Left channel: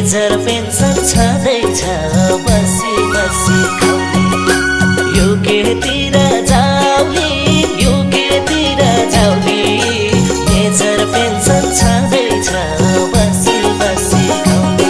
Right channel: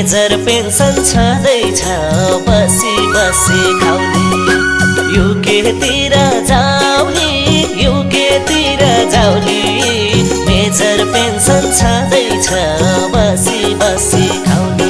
major pension छँदैछ बसी बसी खाउने युकेतिर जाउली युकेतिर जाउली मेजर पेन्सन छँदैछ बसी बसी खाउने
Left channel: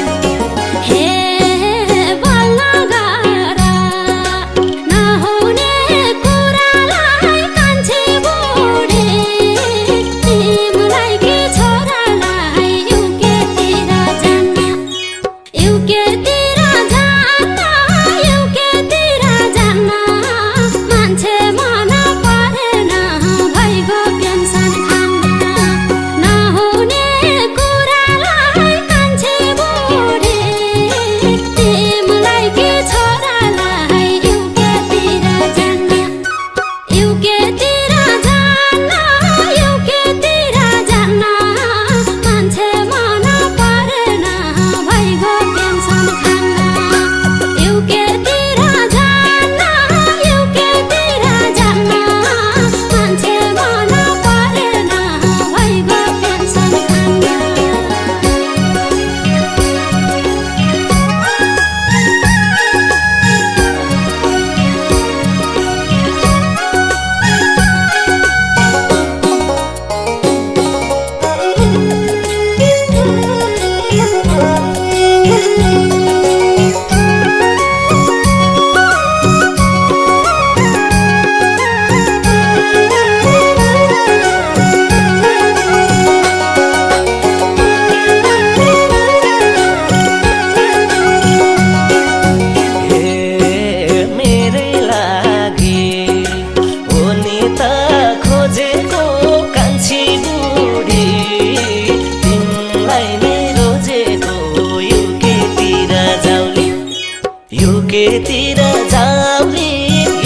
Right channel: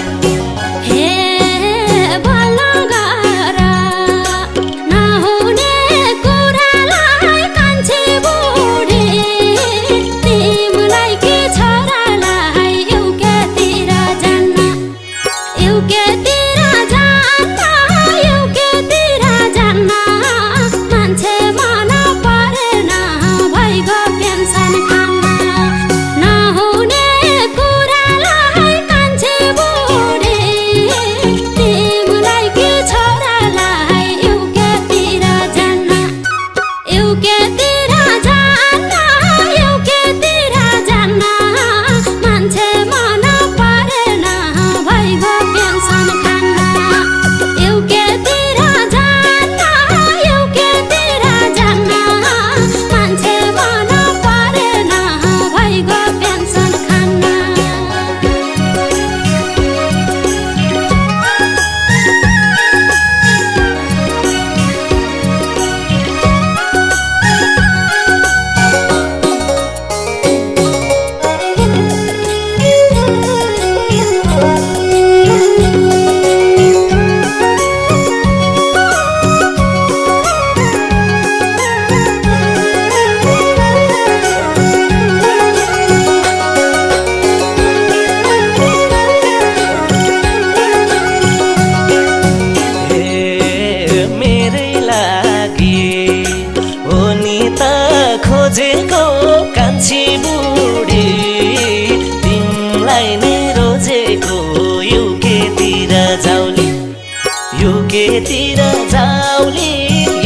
युकेतिर जाउली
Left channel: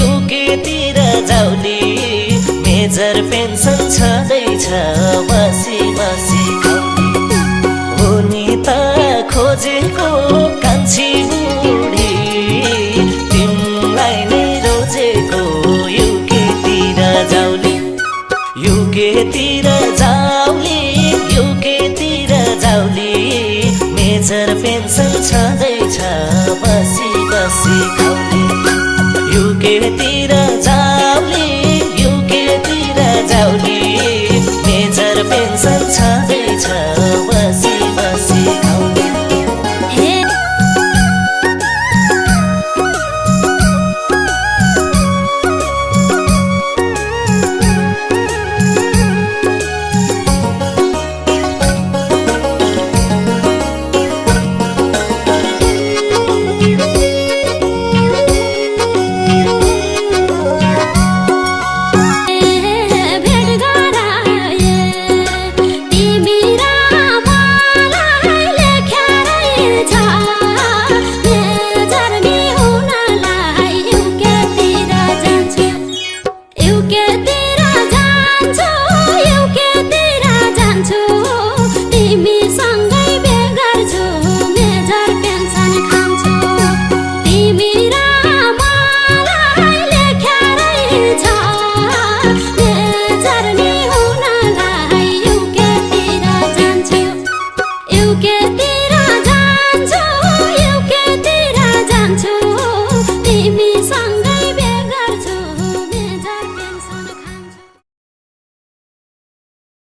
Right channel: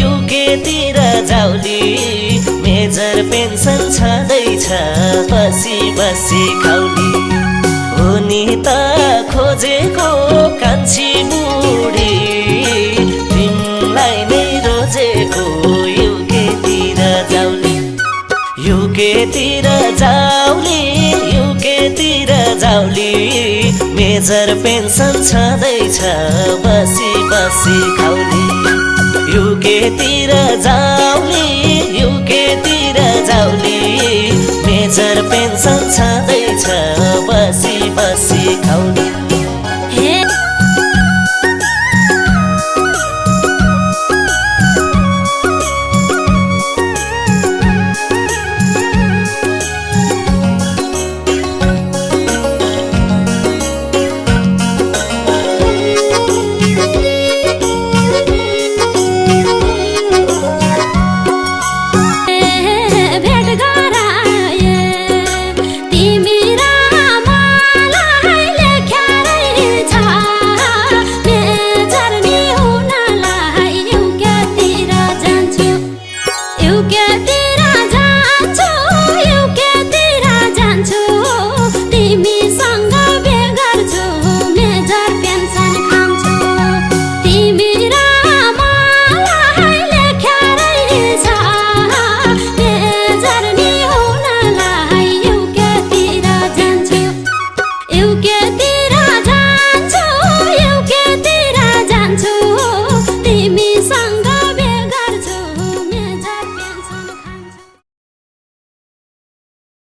युकेतिर जाउली मेजर पेन्सन छँदैछ बसी बसी खाउने हुनी त खोजेको कान्छी बुढी तिमीलाई नै रोजेको युकेतिर जाउली युकेतिर जाउली युकेतिर जाउली मेजर पेन्सन छँदैछ बसी बसी खाउने युकेतिर जाउली युकेतिर जाउली मेजर पेन्सन छँदैछ बसी बसी खाउने युकेतिर जान्छु तिमीसँग